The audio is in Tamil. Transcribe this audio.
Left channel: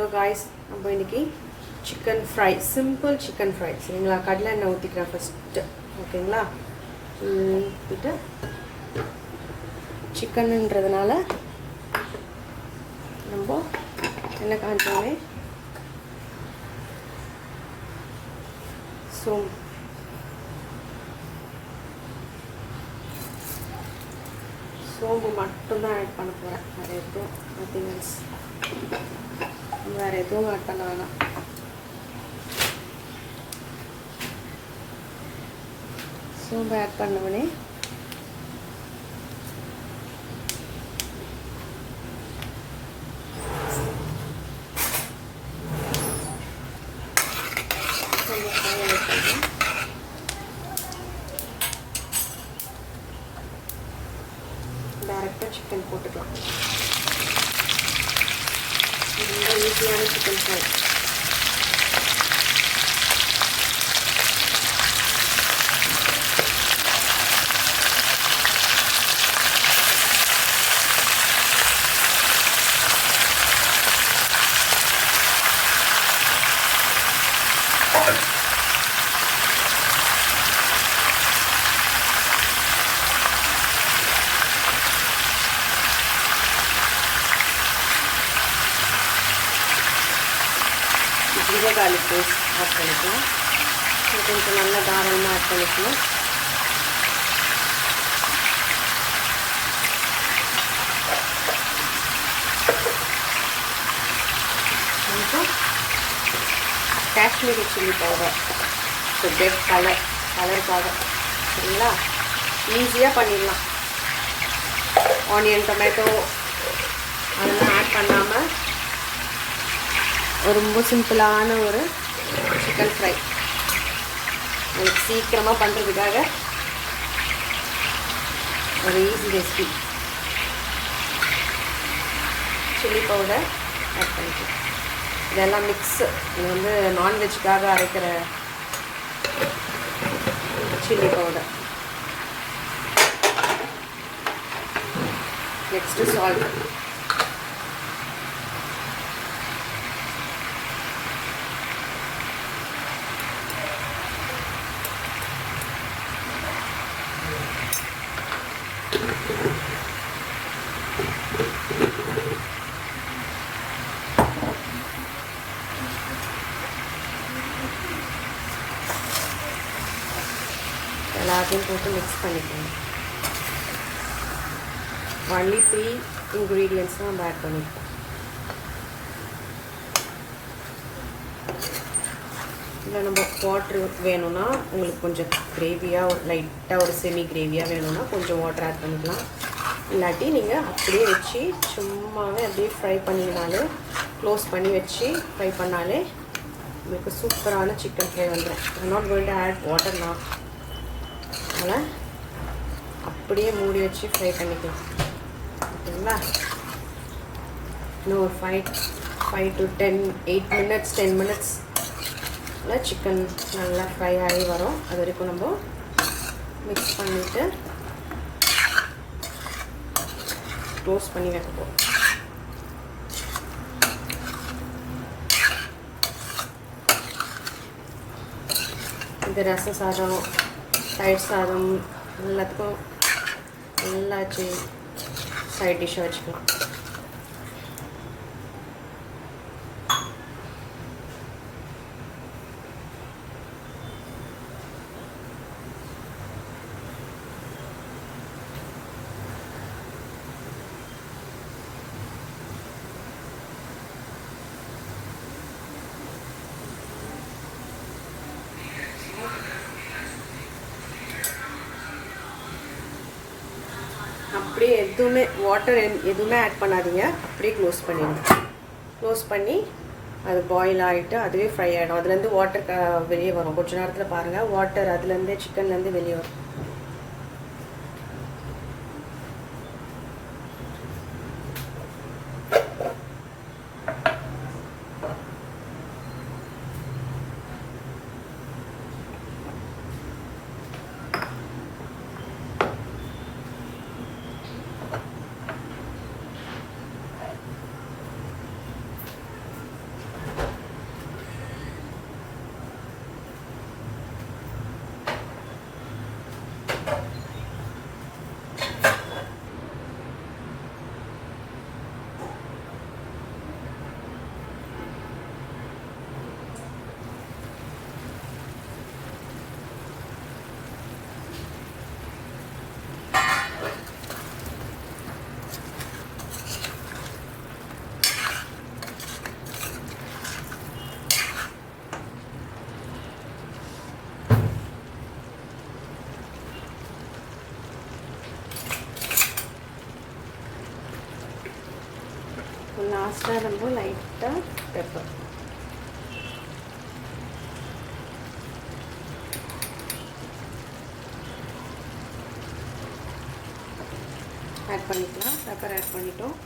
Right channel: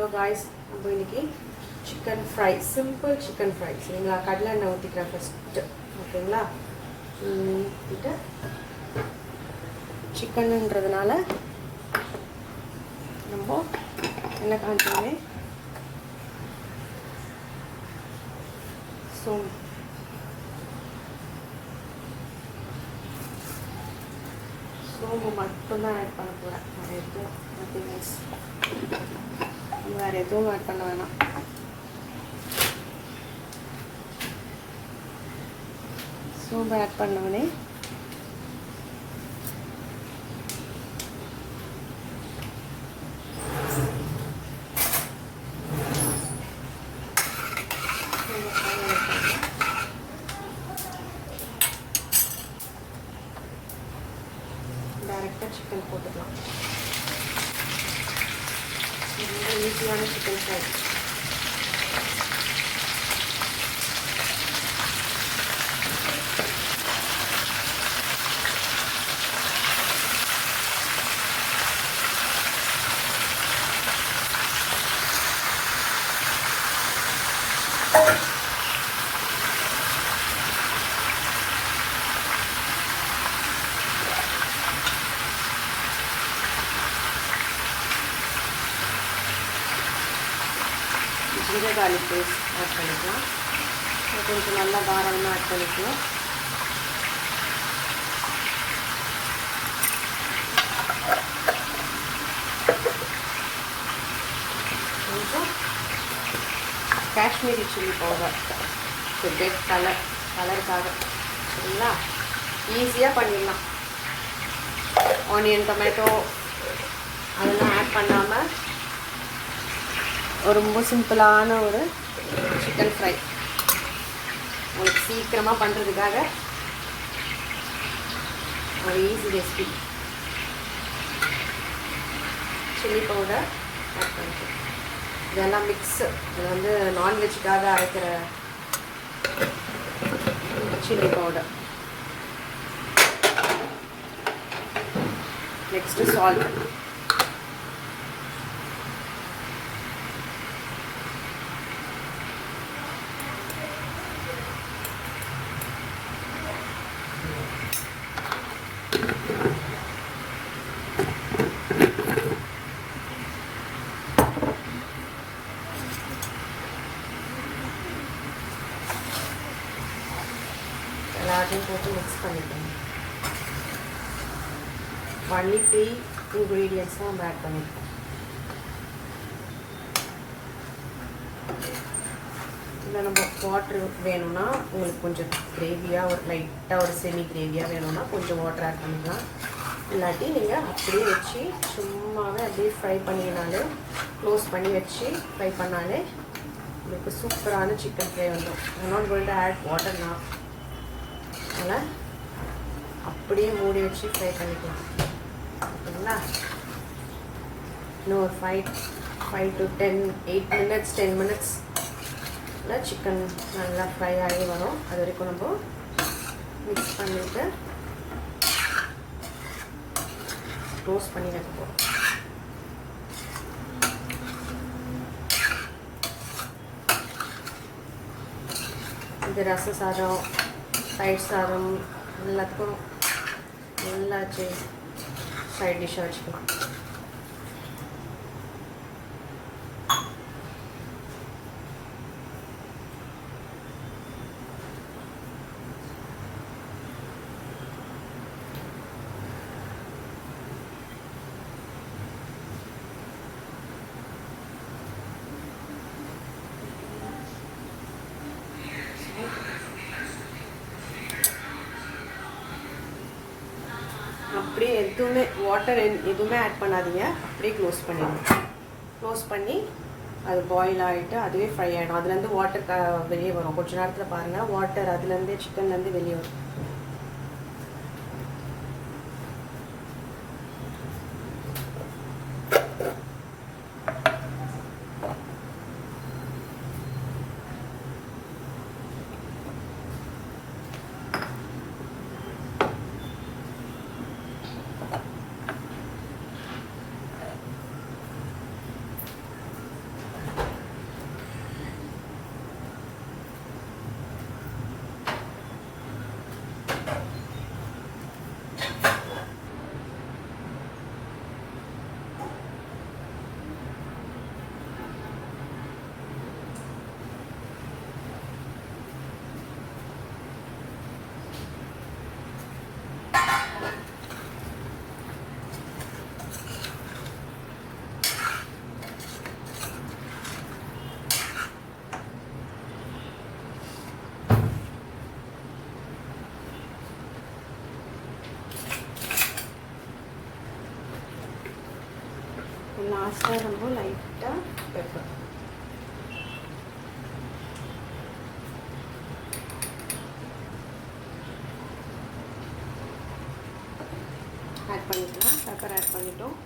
ஹலோ காய்ஸ், நம்ம இன்னைக்கு chicken fry, simple chicken fry சரிங்களா. கடலை எண்ணெய் ஊற்றிக்கிறேன் ஃபஸ்ட்டு, ஓகேங்களா. ஊற்றிட்டு சிக்கனுன்றதுனால நம்ம என்ன காமிச்சோமே சோம்பு மட்டும்தான் ஆட் பண்ண போகிறேன். வேறு எதுவும் நத்திங்ஸ், வேறு எதுவும் ஆட் பண்ண வேணாம். சோம்பு ஆட் பண்ணவுடனே டைரெக்டாக சிக்கன் போட்டுக்கலாம். ரொம்ப ஈஸியான chicken fry. Ginger garlic paste add பண்ணிக்கலாம். கொஞ்சம் நல்லா தாராளமாக ஆட் பண்ணிக்கலாம். கொஞ்சம் காஷ்மீரி சில்லி பவுடர், கெட் கலருக்காக சரிங்களா. ஈஸியாக பண்ணிடலாம். ஆனியன், டொமேட்டோ அதெல்லாம் ஆட் பண்ணாமல் ரொம்ப சிம்பிளான ஒரு சிக்கன் ஃப்ரை உங்களுக்கு சீக்கிரமாக பண்ணுறதுக்காக ஒரு easy recipe. Chilli powder add பண்ணிக்கலாம். இதெல்லாம் மிக்ஸு. இது வந்து நான்வெஜ்ஜுக்காக அரைக்கிற சில்லி பவுடர். Next salt. எல்லாத்தையும் போட்டு மிக்ஸ் பண்ணிக்கணும். ஒன்லி 3 இன்க்ரீடியன்ஸும் நம்ம ஆட் பண்ணியிருக்கோம். இதில் நம்ம வாட்ரு வேணும்னா உங்களுக்கு கொஞ்சம் கிரேவியாக லைட்டாக ஒரு செமி கிரேவியாக வேணும்னா கொஞ்சம் வாட்டர் ஆட் பண்ணிக்கலாம். இல்லாட்டி நீங்கள் அப்படியே வச்சு சும்மாவே அப்படியே ஃப்ரை பண்ணினாலும் க்ளோஸ் பண்ணி வச்சு ஃப்ரை பண்ணாலே உங்களுக்கு சூப்பரான சிக்கன் ஃப்ரை வந்துடும். I'm not going to add water now. அதனால் அப்படியே மூடி வச்சு ஃப்ரை பண்ணிக்கலாம், ஓகேங்களா. இன்னும் ஒரு 5 to 8 minutes 10 minutes சிக்கன் நல்லா ஃப்ரை ஆகி வரும். அது வரைக்கும் நம்ம மிக்ஸ் பண்ணிவிட்டு க்ளோஸ் பண்ணி வைக்க போகிறோம். இந்த ரச சாதம், தயிர் சாதம் எல்லாத்துக்கும் நல்லா சைட் டிஷ்ஷாக வச்சுக்கலாம். அப்படியே எதுவுமே வாட்டர் எதுவுமே ஆட் பண்ணாதீங்க. அப்படியே க்ளோஸ் பண்ணிடுங்க. க்ளோஸ் பண்ணி அது பாயில் ஆகிட்டு அதுவே ஃப்ரை ஆகிடும். அதுலேருந்து வாட்டர் வெளியே வரும். கொஞ்சம் நேரத்தில் பாருங்கள், வாட்டர் அதுலேருந்தே சிக்கன்லேருந்து வெளியே வரும். லாஸ்ட்டாக நம்ம லைட்டாக பெப்பர் ஆட் பண்ணிக்கலாம். பெப்பர் ஆட் பண்ணிட்டோம்.